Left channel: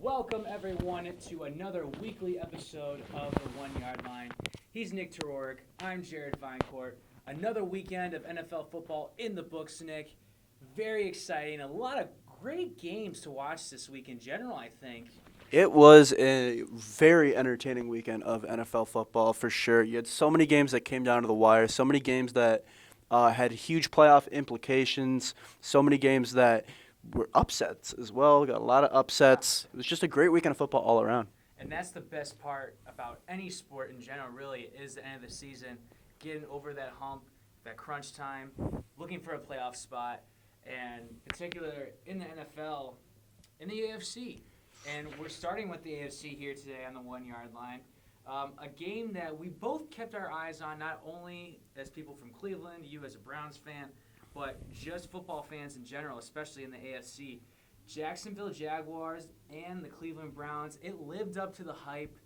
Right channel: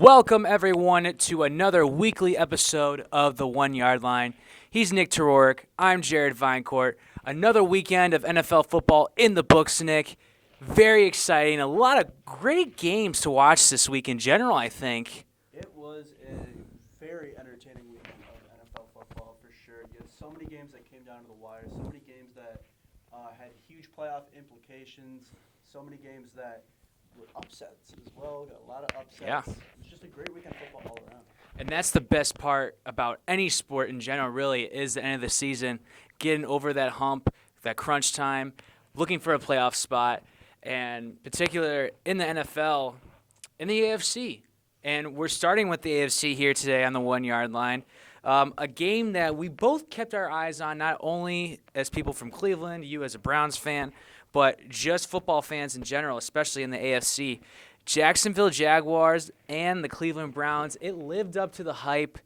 Welcome, everyone, to another weekly episode of The 1 Yard Line. He's Nick Terork. I'm Jared Vinecourt. Another weekend of NFL football in the books, Nick. Very exciting. A lot of great games to watch this week in general, I think. It was a very entertaining weekend of NFL football for sure. You had so many games that came down to the wire, so many games that had huge playoff implications, so many games that were upsets as well. Got a lot of upsets. Yeah. It was just a great weekend of football all around. And that's the best part about any sport in general, really, is the end of the season, getting over that hump, that crunch time, looking for a playoff spot, and particular in the NFL, in the AFC. And we're starting with the AFC here today on the 1 Yard Line. A game that we both kept our eyes on, not only as people from Cleveland, you as a Browns fan, but just football fans in general, especially in the AFC. Jacksonville Jaguars and the Cleveland Browns, it lived up to the hype.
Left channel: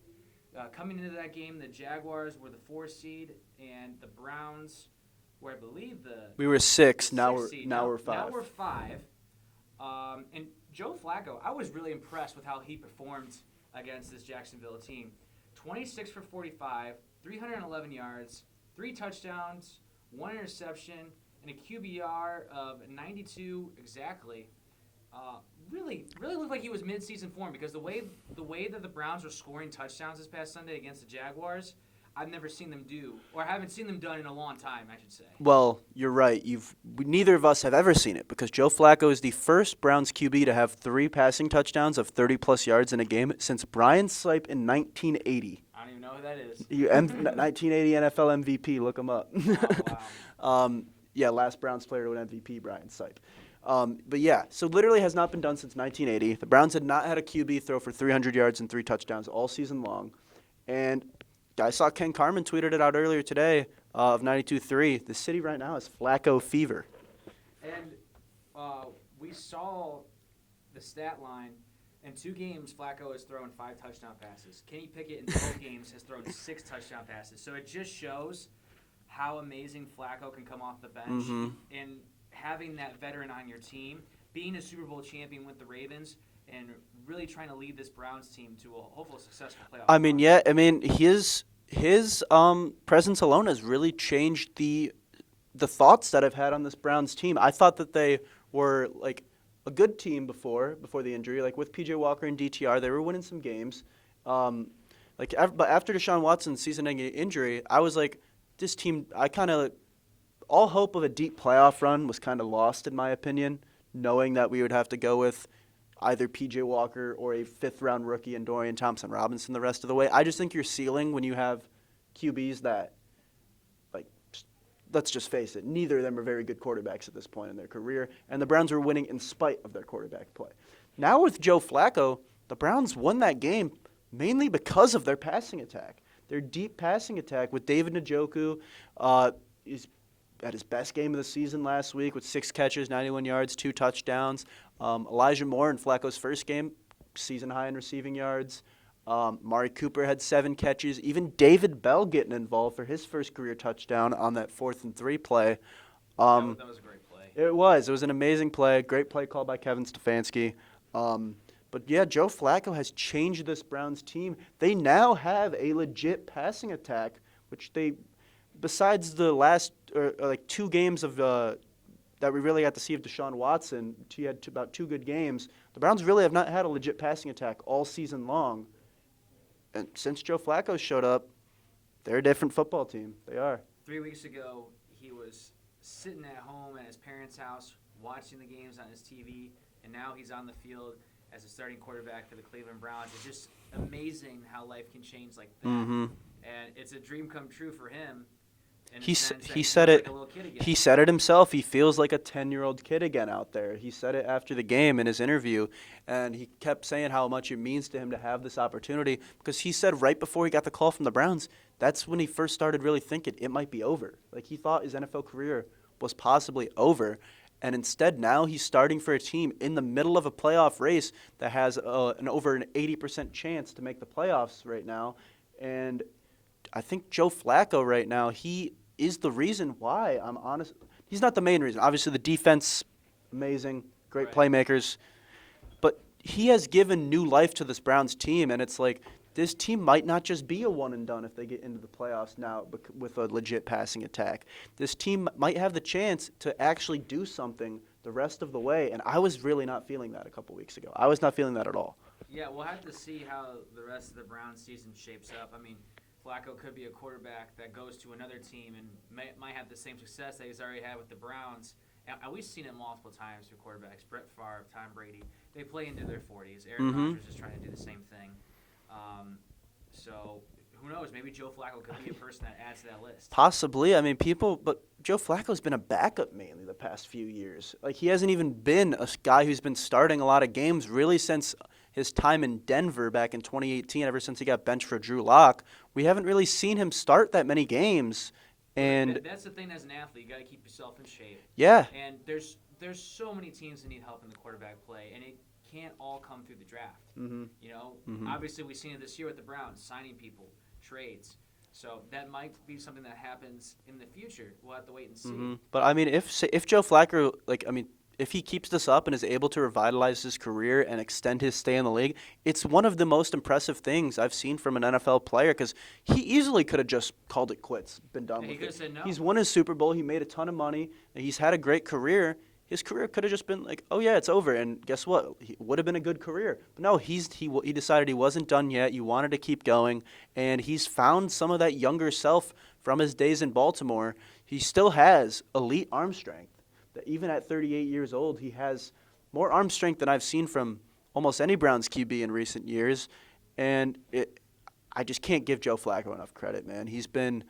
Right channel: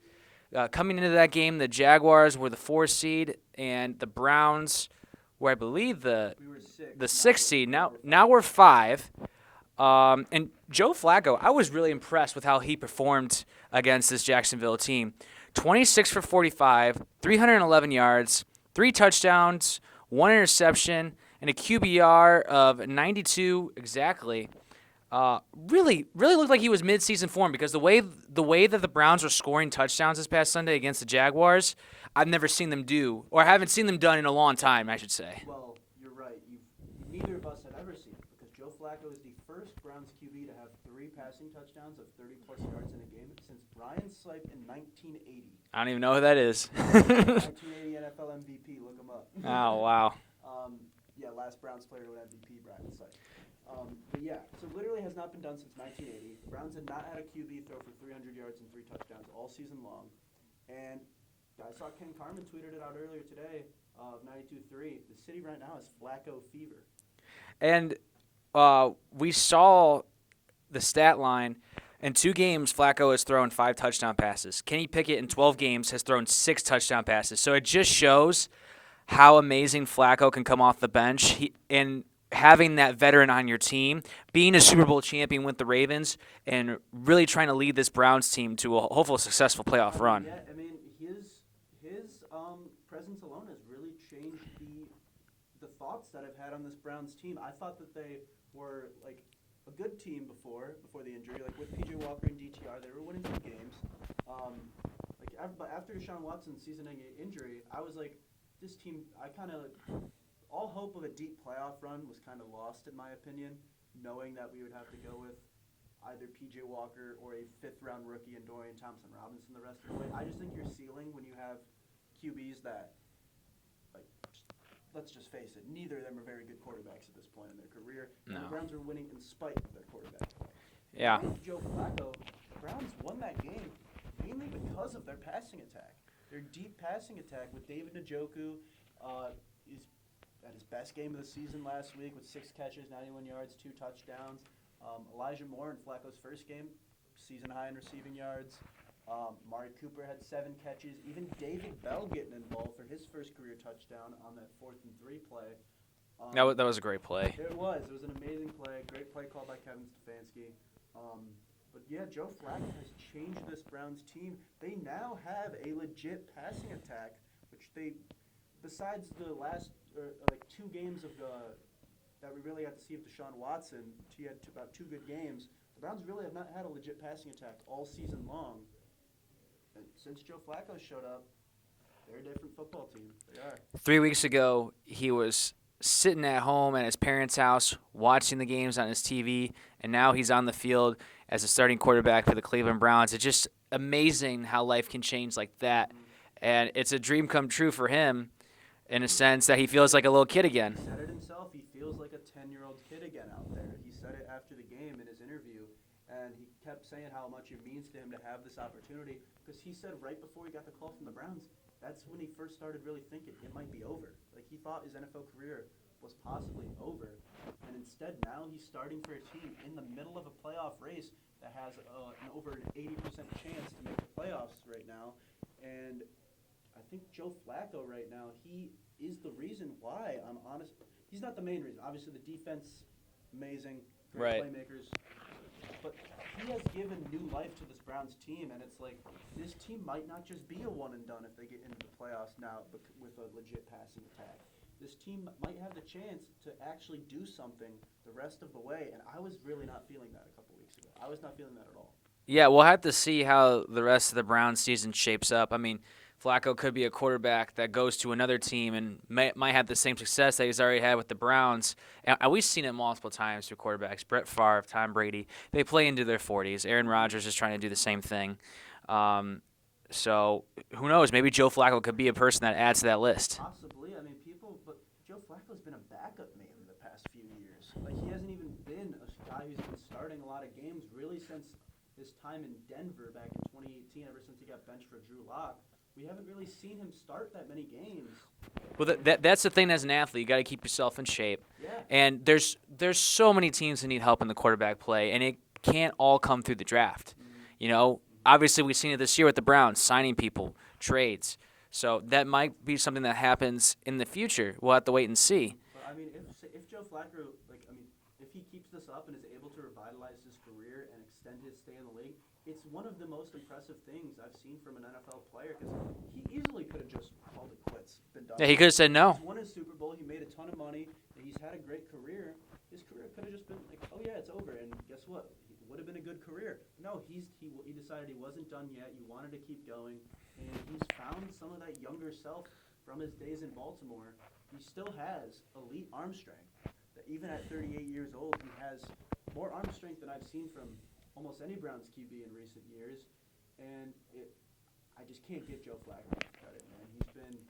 Coming into that game, the Jaguars were the 4 seed, and the Browns were, I believe, we were 6. The 6 seed. Now we're 5. And Joe Flacco, I was really impressed with how he performed against this Jacksonville team. 26 for 45, 311 yards, 3 touchdowns, 1 interception, and a QBR of 92 exactly. Really looked like he was mid-season form because the way that the Browns were scoring touchdowns this past Sunday against the Jaguars, I've never seen them do, or I haven't seen them done in a long time, I should say. Well, you're right. Neither of us have ever seen it because Joe Flacco is the first Browns QB to have 3 passing touchdowns of 30-plus yards in a game since Brian Sipe in 1980. I don't even know who that is. 1980 NFL MVP. Look him up. Oh, wow. Last Browns player to win MVP, Brian Sipe. But yeah, so literally has not been done since 1980. The Browns had not had a QB throw for 300 yards and 3 touchdowns all season long. And I saw Ken Carman tweeted it out earlier today of 92.3. The city right now is Flacco fever. And we saw the stat line. In 2 games, Flacco has thrown 5 touchdown passes. Kenny Pickett in 12 games has thrown 6 touchdown passes. So it just shows how amazing Flacco can come off the bench. Mm-hmm. And having that veteran on your team, being a Super Bowl champion with the Ravens, and really trying to lead this Browns team to a hopeful successful playoff run. His presence alone has really changed the thoughts that I've had on this Browns team. I thought that they were like a good team before the injury, like with PJ Walker and DTR, they were winning some games. But after Deshaun Watson's season-ending injury, I was like, this team, all hope of a deep playoff run was kind of lost in my opinion, knowing that we would have to go with either P.J. Walker or a 5th-round rookie and Dorian Thompson-Robinson the rest of the way. I just think your ceiling when you have QBs that, let's just face it, neither of them are very good quarterbacks at this point in their career, and the Browns were winning in spite of their quarterback play. Yeah. Now with Joe Flacco, the Browns won that game mainly because of their passing attack. Their deep passing attack with David Njoku is at his best game of the season last week with 6 catches, 91 yards, 2 touchdowns. Elijah Moore in Flacco's first game, season high in receiving yards. Mari Cooper had 7 catches. Even David Bell getting involved for his first career touchdown on that 4th and 3 play. That was a great play. It was. It was an amazing play. Great play called by Kevin Stefanski. But yeah, Joe Flacco has changed this Browns team. They now have a legit passing attack, which they, besides the last 2 games of that we really got to see of Deshaun Watson, he had about 2 good games. The Browns really have not had a legit passing attack all season long. And since Joe Flacco showed up, they're a different football team. They are. 3 weeks ago, he was sitting at home at his parents' house watching the games on his TV, and now he's on the field as a starting quarterback for the Cleveland Browns. It's just amazing how life can change like that. Mm-hmm. And it's a dream come true for him in a sense that he feels like a little kid again. He said it himself. He feels like a 10-year-old kid again out there. He said it after the game in his interview, and he kept saying how much it means to him to have this opportunity because he said right before he got the call from the Browns, that's when he first started really thinking it might be over. Like he thought his NFL career was possibly over. And instead, now he's starting for a team in the middle of a playoff race that has over an 80% chance to make the playoffs right now. And I think Joe Flacco right now, he is the reason why, I'm honest. He's not the main reason. Obviously, the defense, amazing, great playmakers. But he has given new life to this Browns team, and it's like this team might not just be a one and done if they get into the playoffs now with a legit passing attack. This team might have the chance to actually do something the rest of the way, and I was really not feeling that a couple weeks ago. I was not feeling that at all. Yeah, we'll have to see how the rest of the Browns season shapes up. I mean, Flacco could be a quarterback that goes to another team and might have the same success that he's already had with the Browns. And we've seen it multiple times for quarterbacks. Brett Favre, Tom Brady, they play into their 40s. Aaron Rodgers is trying to do the same thing. So who knows? Maybe Joe Flacco could be a person that adds to that list. Possibly. I mean, but Joe Flacco's been a backup mainly the past few years. Like, he hasn't even been a guy who's been starting a lot of games really since his time in Denver back in 2018, ever since he got benched for Drew Lock. We haven't really seen him start that many games. Well, that's the thing as an athlete. You got to keep yourself in shape. Yeah. And there's so many teams that need help in the quarterback play, and it can't all come through the draft. You know, obviously we've seen it this year with the Browns, signing people, trades. So that might be something that happens in the future. We'll have to wait and see. But I mean, if Joe Flacco, if he keeps this up and is able to revitalize his career and extend his stay in the league, it's one of the most impressive things I've seen from an NFL player, because he easily could have just called it quits, been done. Yeah, he could have said no. He's won his Super Bowl. He made a ton of money. He's had a great career. His career could have just been like, oh yeah, it's over. And guess what? It would have been a good career. But no, he decided he wasn't done yet. You wanted to keep going, and he's found some of that younger self from his days in Baltimore. He still has elite arm strength. That even at 38 years old, he has more arm strength than I've seen from almost any Browns QB in recent years. And I just can't give Joe Flacco enough credit, man. He's been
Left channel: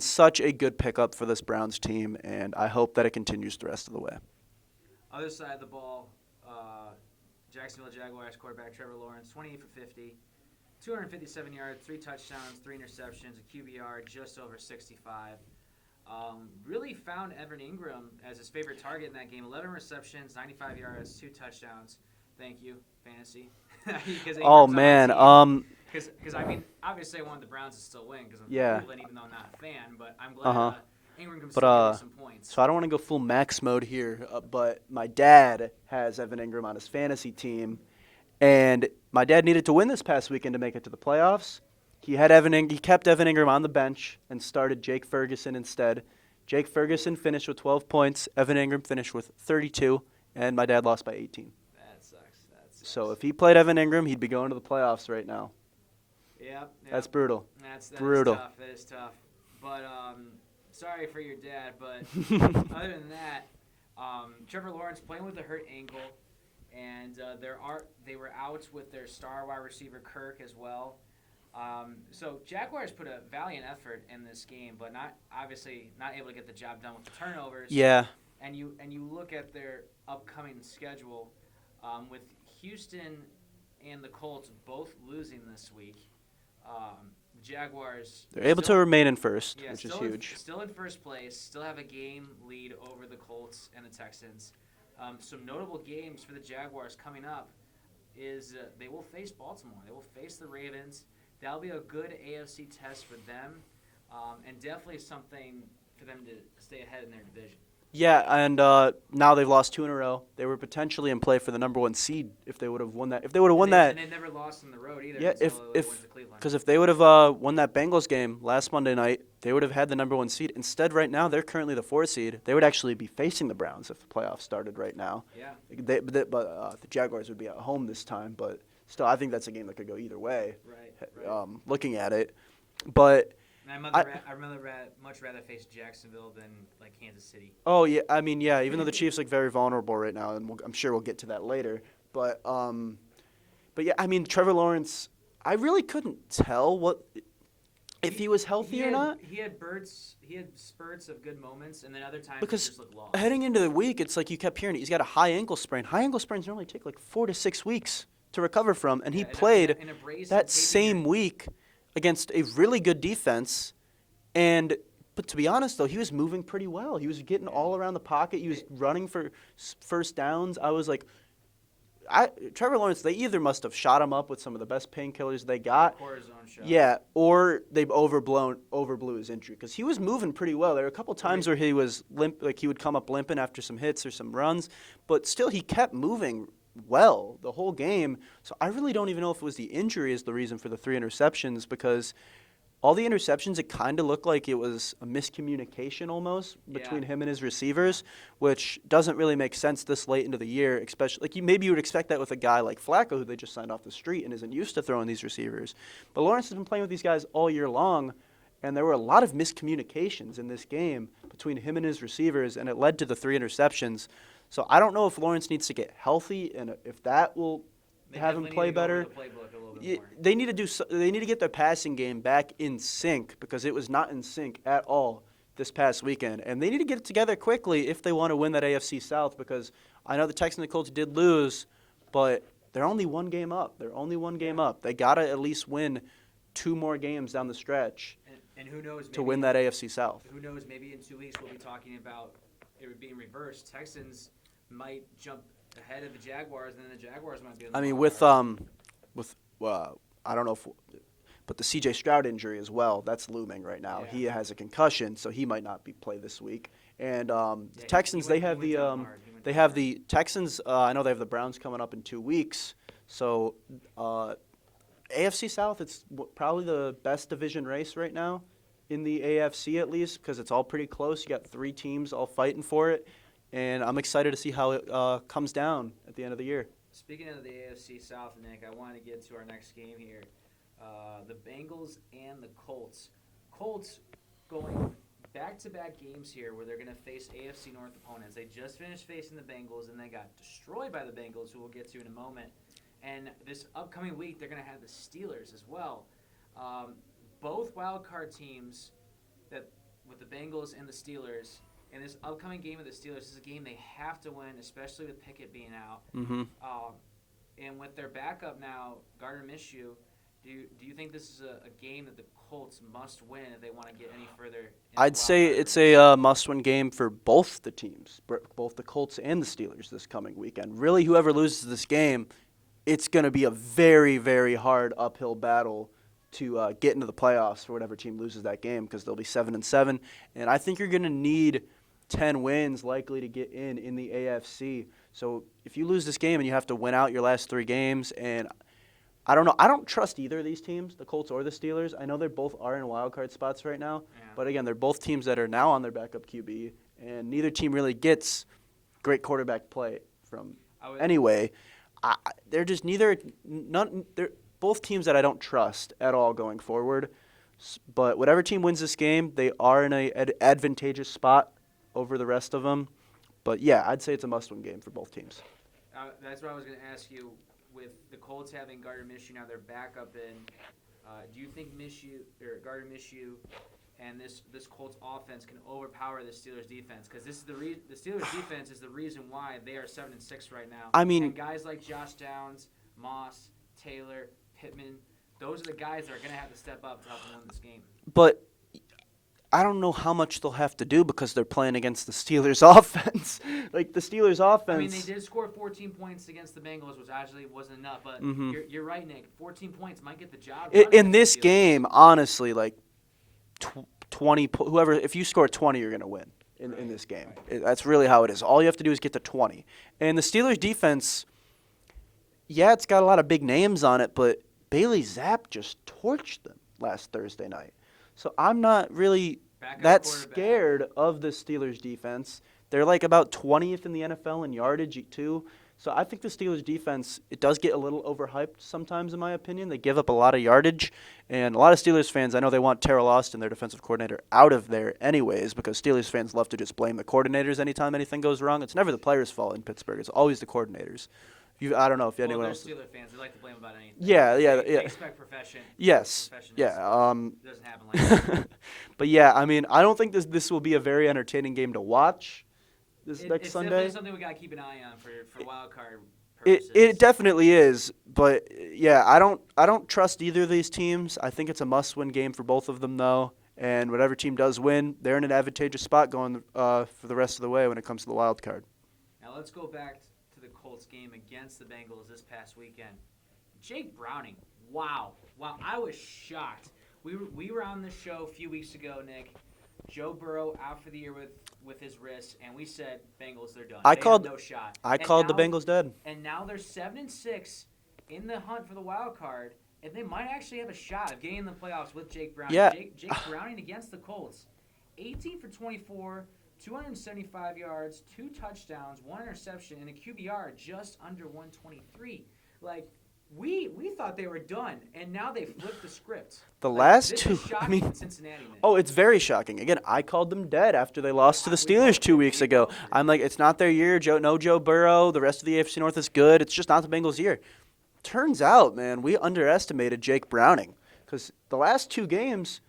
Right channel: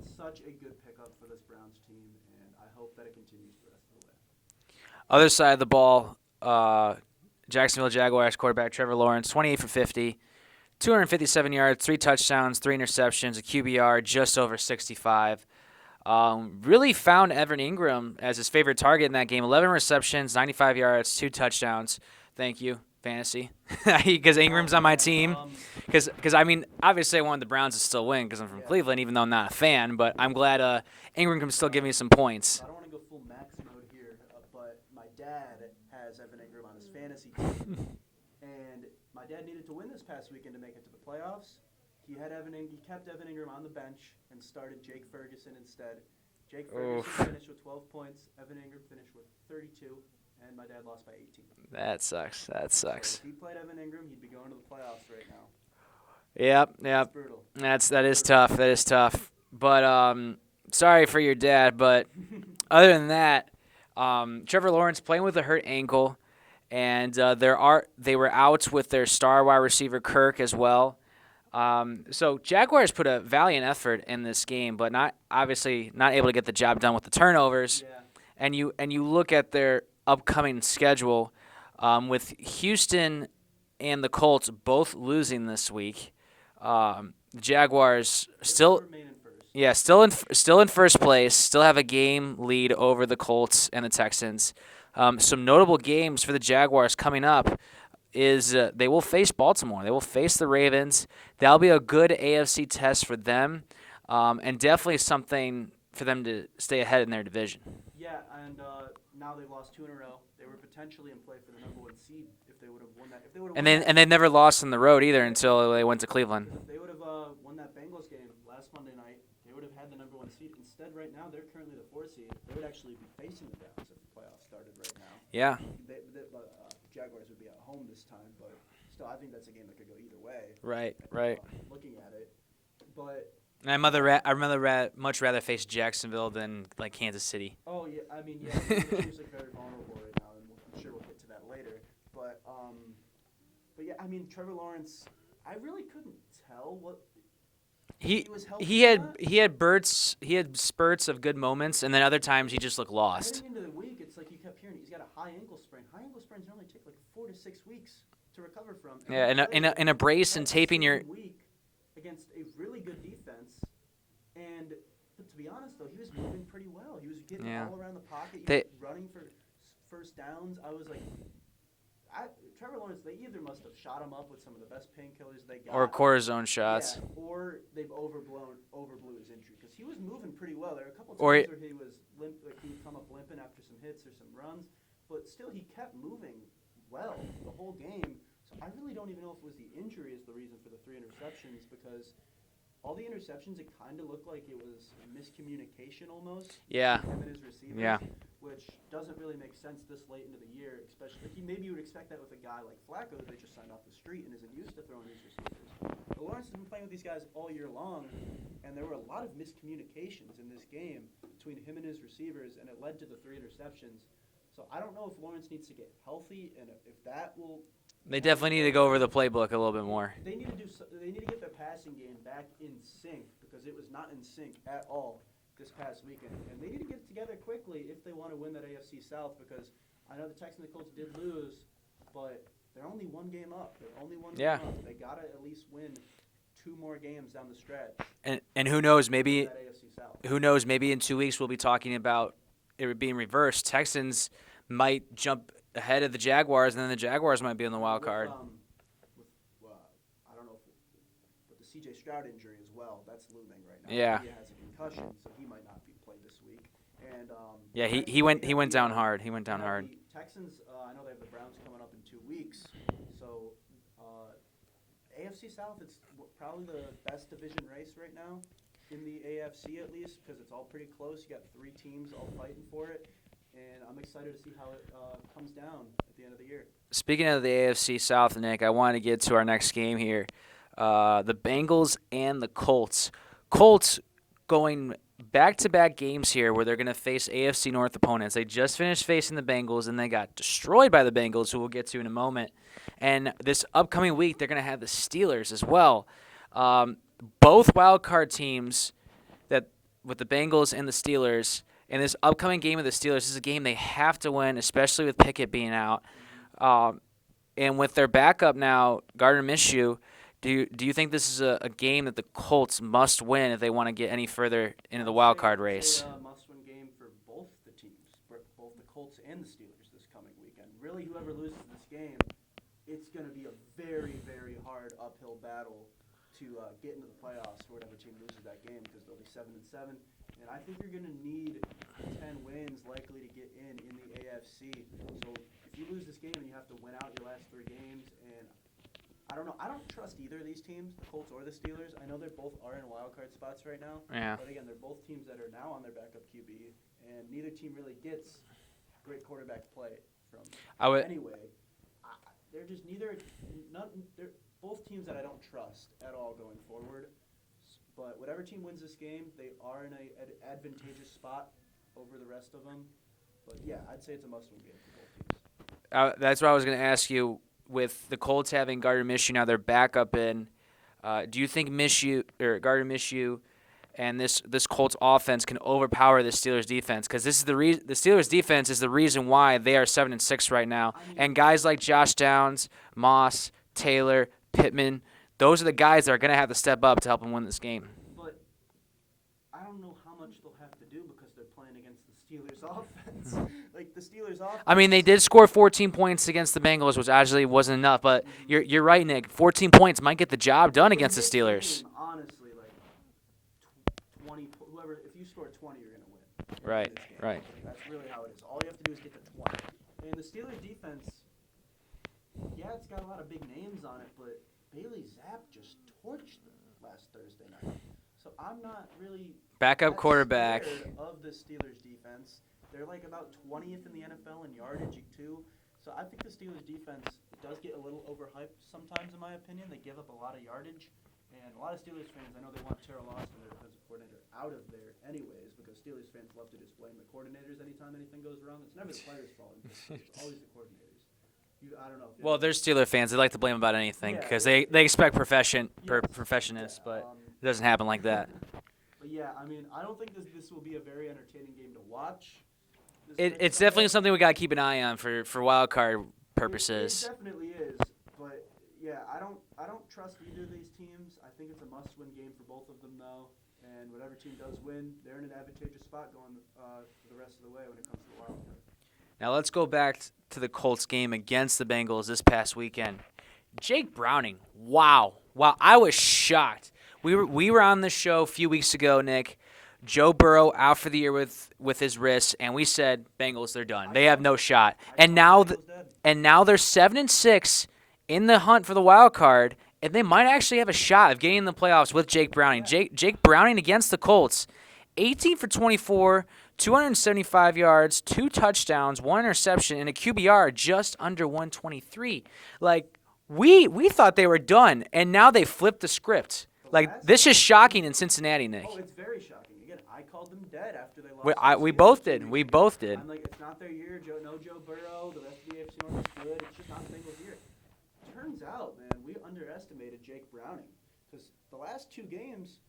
such a good pickup for this Browns team, and I hope that it continues the rest of the way. Other side of the ball, Jacksonville Jaguars quarterback Trevor Lawrence, 28 for 50, 257 yards, 3 touchdowns, 3 interceptions, a QBR just over 65. Really found Evan Ingram as his favorite target in that game. 11 receptions, 95 yards, 2 touchdowns. Thank you, fantasy, because Ingram's on my team. Because I mean, obviously I wanted the Browns to still win because I'm from Cleveland, even though I'm not a fan. But I'm glad Ingram can still give me some points. So I don't want to go full max mode here, but my dad has Evan Ingram on his fantasy team, and my dad needed to win this past weekend to make it to the playoffs. He kept Evan Ingram on the bench and started Jake Ferguson instead. Jake Ferguson finished with 12 points. Evan Ingram finished with 32, and my dad lost by 18. That sucks. So if he played Evan Ingram, he'd be going to the playoffs right now. Yep. That's brutal. That is tough. That is tough. But sorry for your dad. But other than that, Trevor Lawrence playing with a hurt ankle, and they were out with their star wide receiver Kirk as well. So Jaguars put a valiant effort in this game, but not able to get the job done with the turnovers. Yeah. And you look at their upcoming schedule, with Houston and the Colts both losing this week. The Jaguars are able to remain in first. Yeah, still in first place. Still have a game lead over the Colts and the Texans. Some notable games for the Jaguars coming up is they will face Baltimore. They will face the Ravens. That'll be a good AFC test for them, and definitely something for them to stay ahead in their division. Yeah, and now they've lost 2 in a row. They were potentially in play for the number 1 seed if they would have won that. If they would have won that, and they never lost on the road either until they went to Cleveland. Because if they would have won that Bengals game last Monday night, they would have had the number 1 seed. Instead, right now they're currently the 4 seed. They would actually be facing the Browns if the playoffs started right now. Yeah. But the Jaguars would be at home this time. But still, I think that's a game that could go either way. Right. Looking at it, but. And I'd much rather face Jacksonville than like Kansas City. Oh yeah, I mean even though the Chiefs look very vulnerable right now, and I'm sure we'll get to that later. But yeah, I mean Trevor Lawrence, I really couldn't tell if he was healthy or not. He had spurts of good moments, and then other times he just looked lost. Heading into the week, it's like you kept hearing he's got a high ankle sprain. High ankle sprains normally take like 4 to 6 weeks to recover from, and he played in a brace that and taping same week against a really good defense. But to be honest, though, he was moving pretty well. He was getting all around the pocket. He was running for first downs. I was like, Trevor Lawrence, they either must have shot him up with some of the best painkillers they got. Or cortisone shots. Yeah, or they've overblew his injury. Because he was moving pretty well. There were a couple times where he was limp, like he would come up limping after some hits or some runs. But still, he kept moving well the whole game. So I really don't even know if it was the injury is the reason for the 3 interceptions, because all the interceptions, it kind of looked like it was a miscommunication almost between him and his receivers, which doesn't really make sense this late into the year, especially like maybe you would expect that with a guy like Flacco, who they just signed off the street and isn't used to throwing these receivers. But Lawrence has been playing with these guys all year long, and there were a lot of miscommunications in this game between him and his receivers, and it led to the 3 interceptions. So I don't know if Lawrence needs to get healthy and if that will. They definitely need to go over the playbook a little bit more. They need to they need to get their passing game back in sync, because it was not in sync at all this past weekend. And they need to get it together quickly if they want to win that AFC South, because I know the Texans and the Colts did lose, but they're only one game up. They're only one game up. They got to at least win 2 more games down the stretch. And who knows, maybe to win that AFC South. Who knows, maybe in 2 weeks we'll be talking about it being reversed. Texans might jump ahead of the Jaguars, and then the Jaguars might be on the wild card. I don't know but the C.J. Stroud injury as well, that's looming right now. Yeah. He has a concussion, so he might not play this week. And Texans, he went down hard. They have the Texans. I know they have the Browns coming up in 2 weeks. So AFC South, it's probably the best division race right now in the AFC, at least, because it's all pretty close. You got 3 teams all fighting for it. And I'm excited to see how it comes down at the end of the year. Speaking of the AFC South, Nick, I want to get to our next game here. The Bengals and the Colts. Colts going back-to-back games here where they're going to face AFC North opponents. They just finished facing the Bengals, and they got destroyed by the Bengals, who we'll get to in a moment. And this upcoming week, they're going to have the Steelers as well. Both wild card teams, that with the Bengals and the Steelers. In this upcoming game of the Steelers, this is a game they have to win, especially with Pickett being out. Mm-hmm. And with their backup now, Gardner Minshew, do you think this is a game that the Colts must win if they want to get any further in the wild card race? I'd say it's a must-win game for both the teams, both the Colts and the Steelers this coming weekend. Really, whoever loses this game, it's going to be a very, very hard uphill battle to get into the playoffs for whatever team loses that game, because they'll be 7-7, and I think you're going to need 10 wins likely to get in the AFC. So if you lose this game and you have to win out your last 3 games, and I don't know, I don't trust either of these teams, the Colts or the Steelers. I know they both are in wild card spots right now, but again, they're both teams that are now on their backup QB, and neither team really gets great quarterback play from. Anyway, they're just they're both teams that I don't trust at all going forward. But whatever team wins this game, they are in an advantageous spot over the rest of them. But, yeah, I'd say it's a must-win game for both teams. That's what I was going to ask you. With the Colts having Gardner Minshew now, they're back up in. Do you think Gardner Minshew and this Colts offense can overpower the Steelers defense? Because this is the Steelers defense is the reason why they are 7-6 right now. I mean, and guys like Josh Downs, Moss, Taylor, Pittman, those are the guys that are going to have to step up to help them win this game. But I don't know how much they'll have to do, because they're playing against the Steelers offense. Like, the Steelers offense. I mean, they did score 14 points against the Bengals, which actually wasn't enough. But you're right, Nick. 14 points might get the job done against the Steelers. In this game, honestly, like 20, if you score 20, you're going to win in this game. Right. That's really how it is. All you have to do is get to 20. And the Steelers defense, yeah, it's got a lot of big names on it, but Bailey Zapp just torched them last Thursday night. So I'm not really that scared of the Steelers defense. They're like about 20th in the NFL in yardage too. So I think the Steelers defense, it does get a little overhyped sometimes, in my opinion. They give up a lot of yardage. And a lot of Steelers fans, I know they want Terrell Austin, their defensive coordinator, out of there anyways, because Steelers fans love to just blame the coordinators anytime anything goes wrong. It's never the players' fault in Pittsburgh. It's always the coordinators. I don't know if you. Well, they're Steelers fans. They like to blame about anything. Yeah, they expect profession. Yes, professionalism. Yeah, it doesn't happen like that. But yeah, I mean, I don't think this will be a very entertaining game to watch. It's definitely something we got to keep an eye on for wild card purposes. It definitely is. But yeah, I don't trust either of these teams. I think it's a must-win game for both of them, though. And whatever team does win, they're in an advantageous spot going for the rest of the way when it comes to the wild card. Now let's go back to the Colts game against the Bengals this past weekend. Jake Browning, wow, I was shocked. We were on the show a few weeks ago, Nick, Joe Burrow out for the year with his wrist, and we said Bengals, they're done. They have no shot. I and called now the Bengals dead. And now they're 7-6 in the hunt for the wild card, and they might actually have a shot of getting in the playoffs with Jake Browning. Yeah. Jake Browning against the Colts, 18 for 24, 275 yards, 2 touchdowns, 1 interception, and a QBR just under 123. Like, we thought they were done, and now they flipped the script. This is shocking in Cincinnati, Nick. Oh, it's very shocking. Again, I called them dead after they lost to the we Steelers both 2 did. weeks We ago. both did. I'm like, it's not their year. No Joe Burrow. The rest of the AFC North is good. It's just not the Bengals' year. Turns out, man, we underestimated Jake Browning because the last 2 games,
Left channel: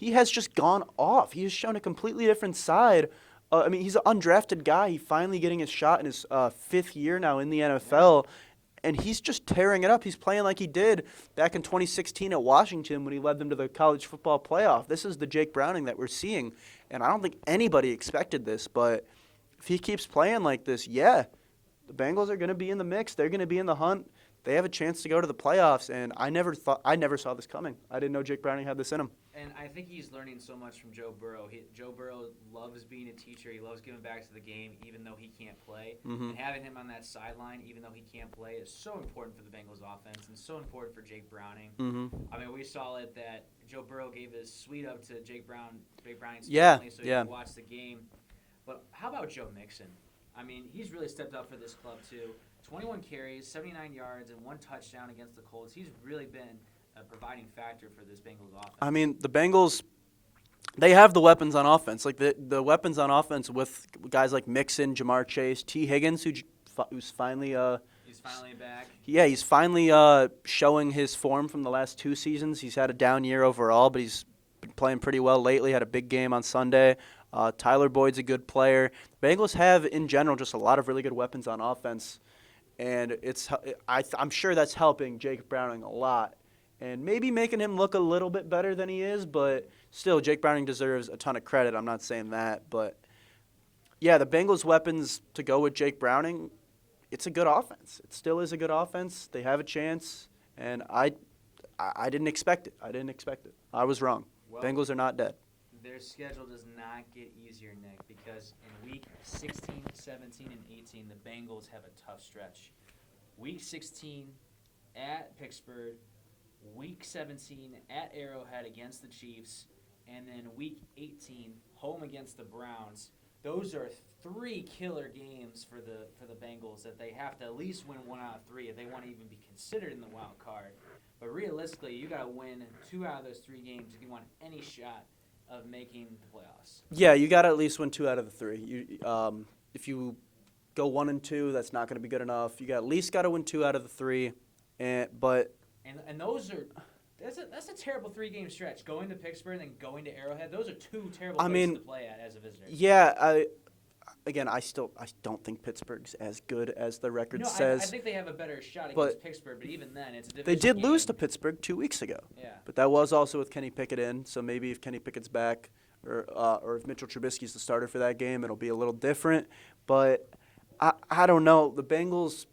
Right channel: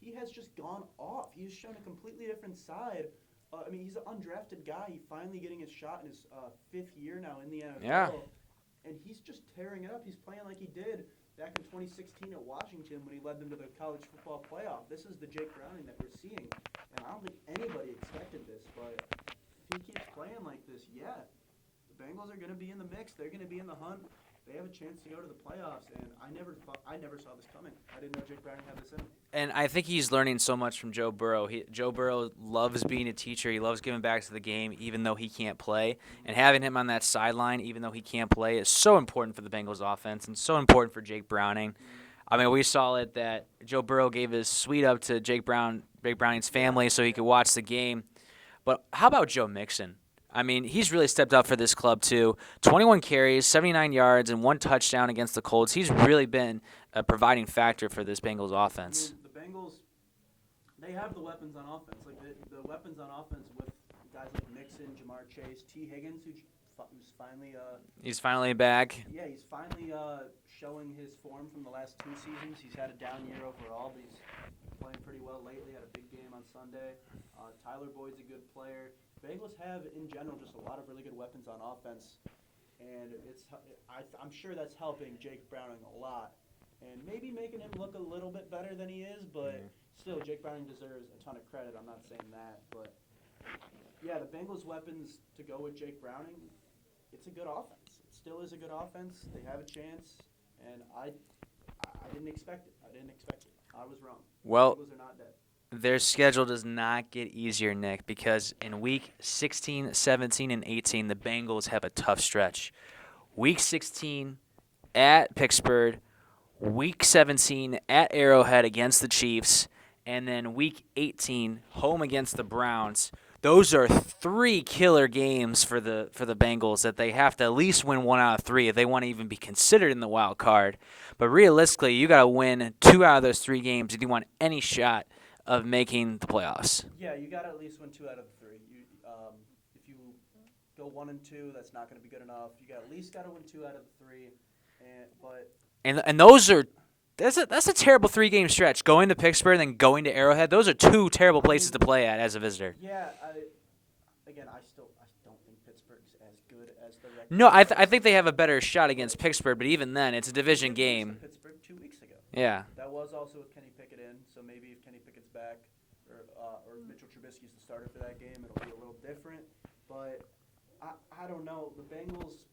he has just gone off. He has shown a completely different side. He's an undrafted guy. He's finally getting his shot in his 5th year now in the NFL. Yeah. And he's just tearing it up. He's playing like he did back in 2016 at Washington when he led them to the college football playoff. This is the Jake Browning that we're seeing, and I don't think anybody expected this. But if he keeps playing like this, the Bengals are going to be in the mix. They're going to be in the hunt. They have a chance to go to the playoffs, and I never saw this coming. I didn't know Jake Browning had this in him. And I think he's learning so much from Joe Burrow. Joe Burrow loves being a teacher. He loves giving back to the game, even though he can't play. Mm-hmm. And having him on that sideline, even though he can't play, is so important for the Bengals offense and so important for Jake Browning. Mm-hmm. I mean, we saw it that Joe Burrow gave his suite up to Jake Browning's family so he could watch the game. But how about Joe Mixon? I mean, he's really stepped up for this club, too. 21 carries, 79 yards, and 1 touchdown against the Colts. He's really been a providing factor for this Bengals offense. I mean, the Bengals, they have the weapons on offense. Like, the weapons on offense with guys like Mixon, Jamar Chase, T. Higgins, who's finally he's finally back. Yeah, he's finally showing his form from the last 2 seasons. He's had a down year overall, but he's been playing pretty well lately. Had a big game on Sunday. Tyler Boyd's a good player. The Bengals have, in general, just a lot of really good weapons on offense, and I'm sure that's helping Jake Browning a lot, and maybe making him look a little bit better than he is. But still, Jake Browning deserves a ton of credit. I'm not saying that, but yeah, the Bengals' weapons to go with Jake Browning, it's a good offense. It still is a good offense. They have a chance, and I didn't expect it. I was wrong. Well, Bengals are not dead. Their schedule does not get easier, Nick, because in Week 16, 17, and 18, the Bengals have a tough stretch. Week 16 at Pittsburgh, Week 17 at Arrowhead against the Chiefs, and then Week 18 home against the Browns. Those are 3 killer games for the Bengals that they have to at least win 1 out of 3 if they want to even be considered in the wild card. But realistically, you got to win 2 out of those 3 games if you want any shot of making the playoffs. Yeah, you got to at least win 2 out of the 3. If you go 1-2, that's not going to be good enough. You at least got to win 2 out of the 3. And those are that's a terrible 3-game stretch. Going to Pittsburgh and then going to Arrowhead. Those are 2 terrible places to play at as a visitor. Yeah, I don't think Pittsburgh's as good as the record No, says. I think they have a better shot against Pittsburgh, but even then, it's a division game. They did lose to Pittsburgh 2 weeks ago. Yeah. But that was also with Kenny Pickett in, so maybe if Kenny Pickett's back or if Mitchell Trubisky's the starter for that game, it'll be a little different. But I don't know. The Bengals,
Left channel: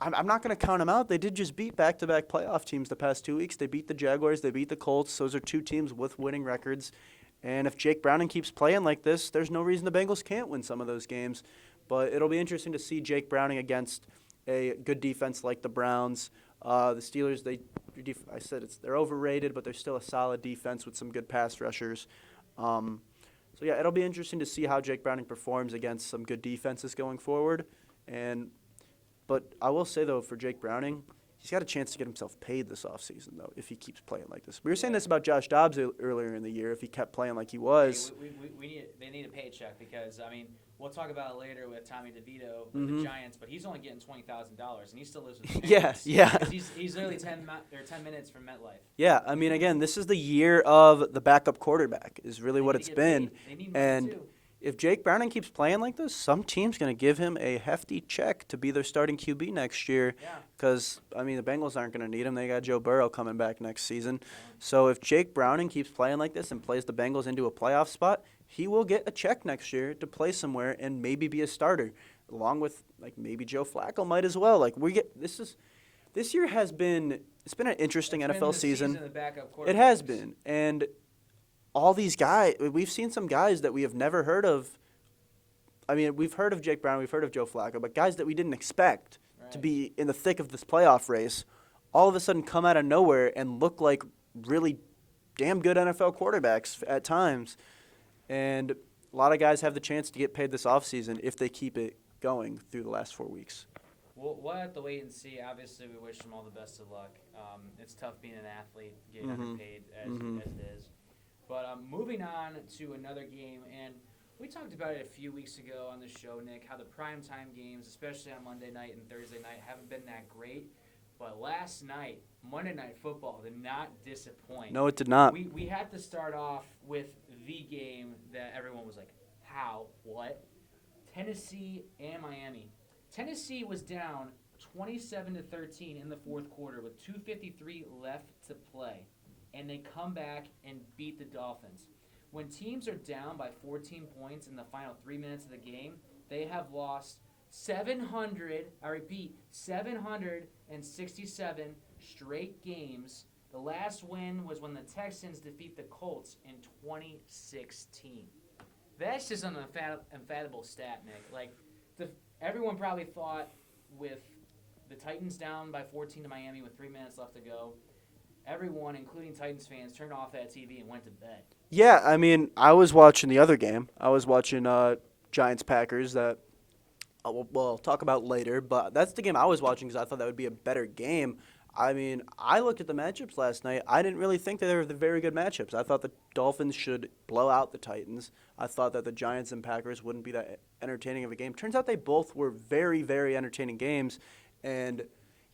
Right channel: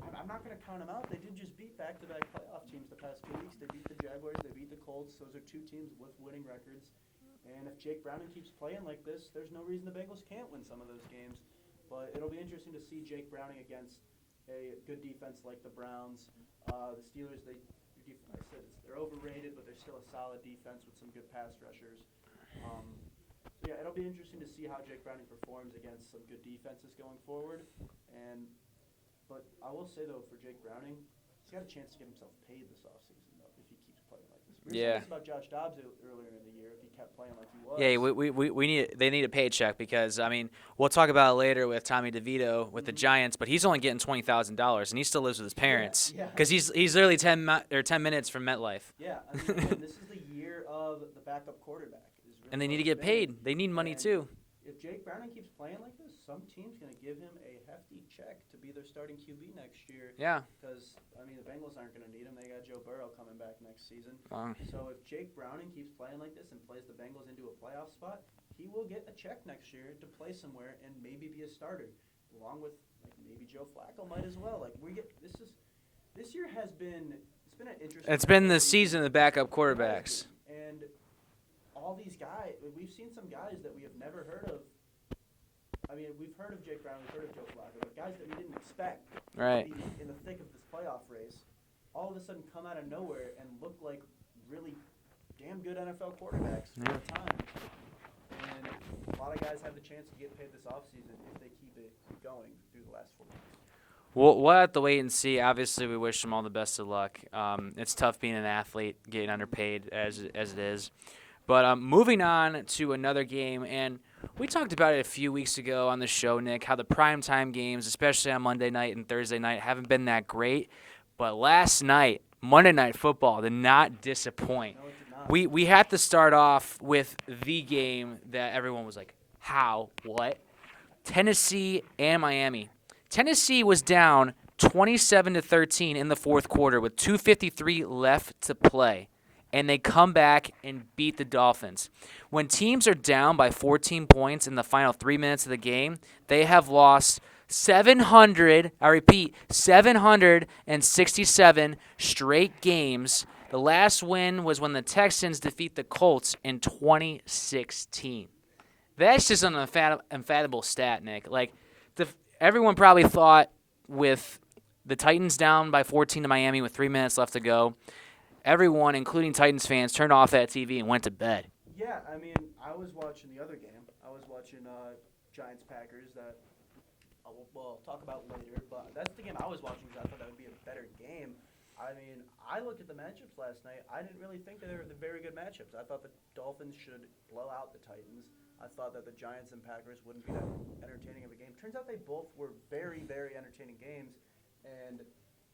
I'm not going to count them out. They did just beat back-to-back playoff teams the past 2 weeks. They beat the Jaguars. They beat the Colts. Those are 2 teams with winning records. And if Jake Browning keeps playing like this, there's no reason the Bengals can't win some of those games. But it'll be interesting to see Jake Browning against a good defense like the Browns. The Steelers, they're overrated, but they're still a solid defense with some good pass rushers. So yeah, it'll be interesting to see how Jake Browning performs against some good defenses going forward. But I will say though, for Jake Browning, he's got a chance to get himself paid this offseason, though, if he keeps playing like this. We were saying this about Josh Dobbs earlier in the year, if he kept playing like he was. Hey, they need a paycheck because, I mean, we'll talk about it later with Tommy DeVito with the Giants, but he's only getting $20,000, and he still lives with his parents. Yeah. Because he's literally 10 minutes from MetLife. Yeah, I mean, again, this is the year of the backup quarterback is really what it's been. Paid. They need money, too. If Jake Browning keeps playing like this, some team's going to give him a hefty check to be their starting QB next year. Yeah. Because, I mean, the Bengals aren't going to need him. They got Joe Burrow coming back next season. Wow. So if Jake Browning keeps playing like this and plays the Bengals into a playoff spot, he will get a check next year to play somewhere and maybe be a starter, along with, like, maybe Joe Flacco might as well. Like, this year has been – it's been an interesting NFL season. It's been the season of the backup quarterback. It has been. And all these guys, we've seen some guys that we have never heard of. I mean, we've heard of Jake Brown, we've heard of Joe Flacco, but guys that we didn't expect to be in the thick of this playoff race, all of a sudden come out of nowhere and look like really damn good NFL quarterbacks at times. And a lot of guys have the chance to get paid this offseason if they keep it going through the last 4 weeks. We'll have to wait and see. Obviously, we wish them all the best of luck. It's tough being an athlete, getting underpaid as it is. But moving on to another game, and we talked about it a few weeks ago on the show, Nick, how the primetime games, especially on Monday night and Thursday night, haven't been that great. But last night, Monday Night Football did not disappoint. No, it did not. We had to start off with the game that everyone was like, how? What? Tennessee and Miami. Tennessee was down 27-13 in the fourth quarter with 2:53 left to play, and they come back and beat the Dolphins. When teams are down by 14 points in the final 3 minutes of the game, they have lost 767 straight games. The last win was when the Texans defeat the Colts in 2016. That's just an unfathomable stat, Nick. Like, everyone probably thought with the Titans down by 14 to Miami with 3 minutes left to go, everyone, including Titans fans, turned off that TV and went to bed. Yeah, I mean, I was watching the other game. I was watching Giants-Packers that we'll talk about later, but that's the game I was watching because I thought that would be a better game. I mean, I looked at the matchups last night. I didn't really think that they were the very good matchups. I thought the Dolphins should blow out the Titans. I thought that the Giants and Packers wouldn't be that entertaining of a game. Turns out they both were very, very entertaining games. And,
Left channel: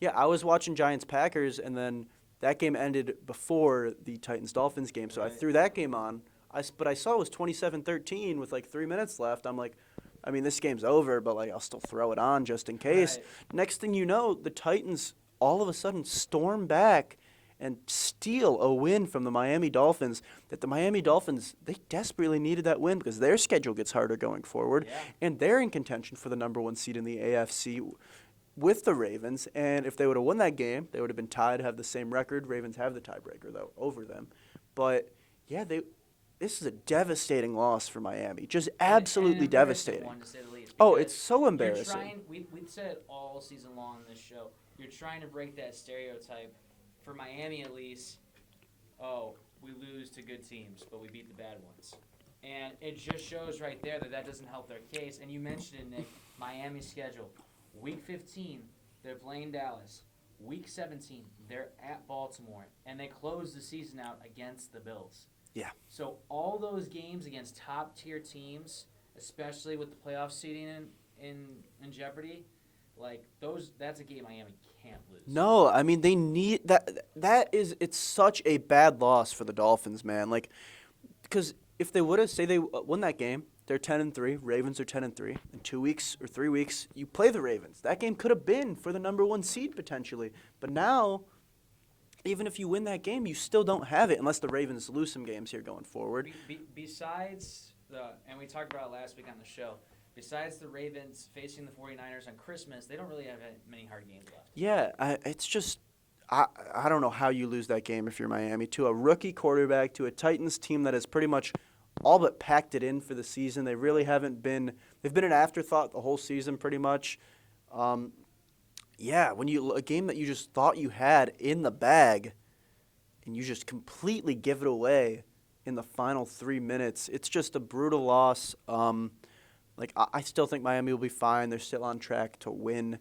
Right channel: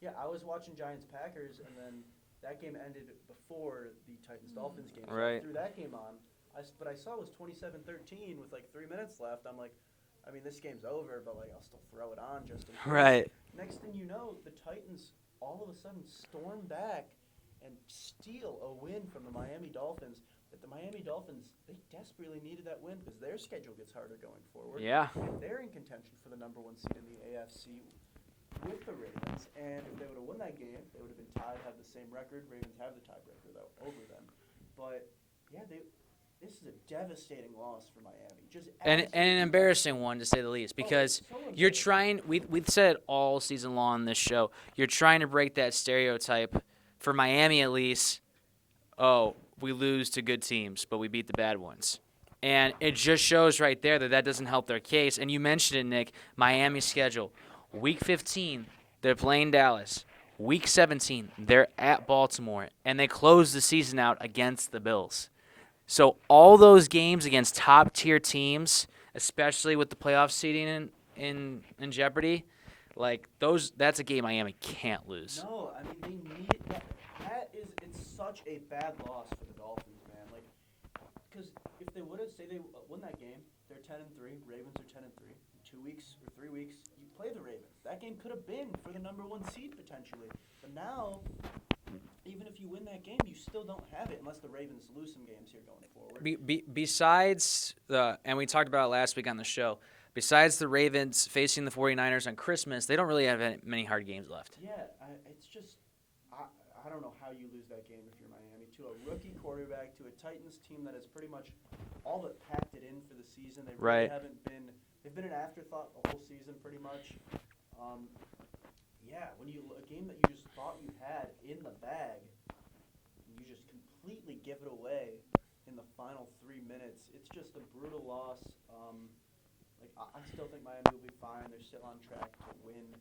yeah, I was watching Giants-Packers, and then that game ended before the Titans-Dolphins game. So I threw that game on. But I saw it was 27-13 with, 3 minutes left. I'm like, I mean, this game's over, but, I'll still throw it on just in case. Right. Next thing you know, the Titans all of a sudden storm back and steal a win from the Miami Dolphins. That the Miami Dolphins, they desperately needed that win because their schedule gets harder going forward. Yeah. And they're in contention for the number 1 seed in the AFC with the Ravens. And if they would have won that game, they would have been tied, have the same record. Ravens have the tiebreaker, though, over them. But, yeah, this is a devastating loss for Miami. Just absolutely an embarrassing one, to say the least. Because it's so embarrassing. You're trying. We've said it all season long on this show. You're trying to break that stereotype for Miami, at least. Oh, we lose to good teams, but we beat the bad ones, and it just shows right there that doesn't help their case. And you mentioned it, Nick. Miami's schedule: Week 15, they're playing Dallas. Week 17, they're at Baltimore, and they close the season out against the Bills. Yeah. So all those games against top-tier teams, especially with the playoff seeding in jeopardy, that's a game Miami can't lose. No, I mean, they need that. It's such a bad loss for the Dolphins, man. Because if they would have, say they won that game, they're 10-3. Ravens are 10-3. In 2 weeks or 3 weeks, you play the Ravens. That game could have been for the number 1 seed potentially. But now, even if you win that game, you still don't have it unless the Ravens lose some games here going forward. Besides and we talked about it last week on the show, besides the Ravens facing the 49ers on Christmas, they don't really have many hard games left. Yeah, it's just I don't know how you lose that game if you're Miami to a rookie quarterback, to a Titans team that has pretty much all but packed it in for the season. They really haven't been – they've been an afterthought the whole season pretty much. Yeah, when a game that you just thought you had in the bag and you just completely give it away in the final 3 minutes, it's just a brutal loss. I still think Miami will be fine. They're still on track to win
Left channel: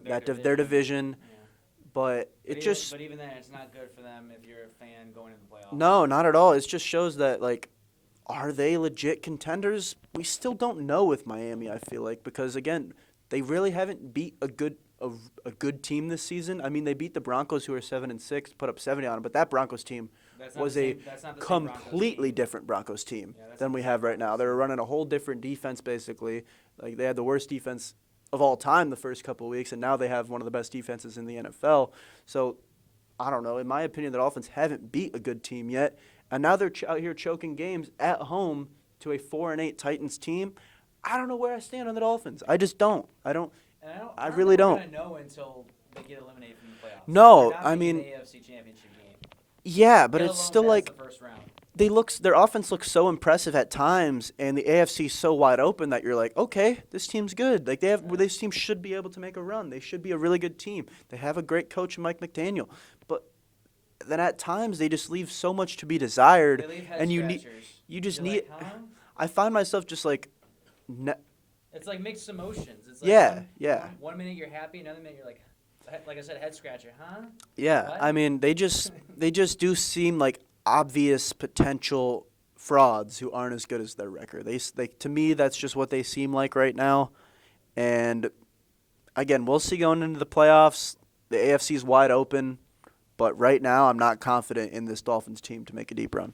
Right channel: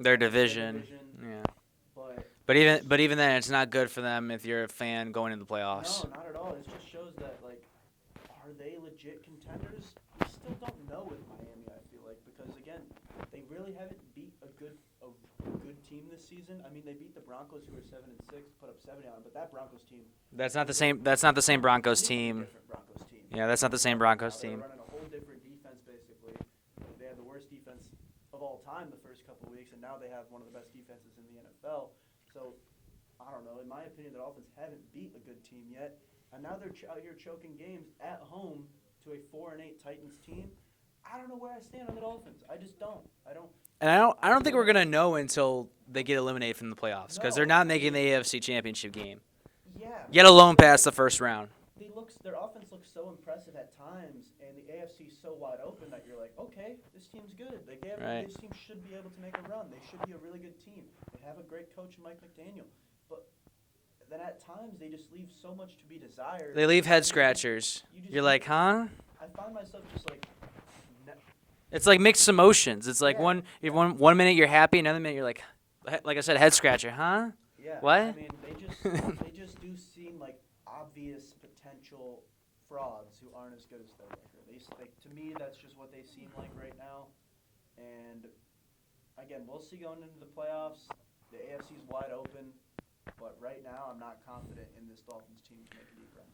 their division. Yeah. But even then, it's not good for them if you're a fan going into the playoffs. No, not at all. It just shows that, are they legit contenders? We still don't know with Miami, I feel like, because, again, they really haven't beat a good team this season. I mean, they beat the Broncos, who are 7-6, put up 70 on them, but that Broncos team That's not the same Broncos team. Completely different Broncos team. Yeah, that's not the same Right Broncos now. team. They're running a whole different defense, basically. They had the worst defense of all time the first couple of weeks, and now they have one of the best defenses in the NFL. So, I don't know. In my opinion, the Dolphins haven't beat a good team yet, and now they're out here choking games at home to a 4-8 Titans team. I don't know where I stand on the Dolphins. I just don't. I don't really think we're going to know until they get eliminated from the playoffs. No, they're not making the AFC Championship game. Yeah, but Get alone past the first round. their offense looks so impressive at times, and the AFC is so wide open that you're like, okay, this team's good. Like this team should be able to make a run. They should be a really good team. They have a great coach, Mike McDaniel, but then at times they just leave so much to be desired. They leave head and scratchers. You're like, huh? I find myself just like. It's like mixed emotions. It's like one minute you're happy, another minute you're like I said, head scratcher, huh? Yeah. What? I mean, they just do seem like obvious potential frauds who aren't as good as their record. They to me, that's just what they seem like right now. And again, we'll see going into the playoffs. The AFC is wide open, but right now I'm not confident in this Dolphins team to make a deep run.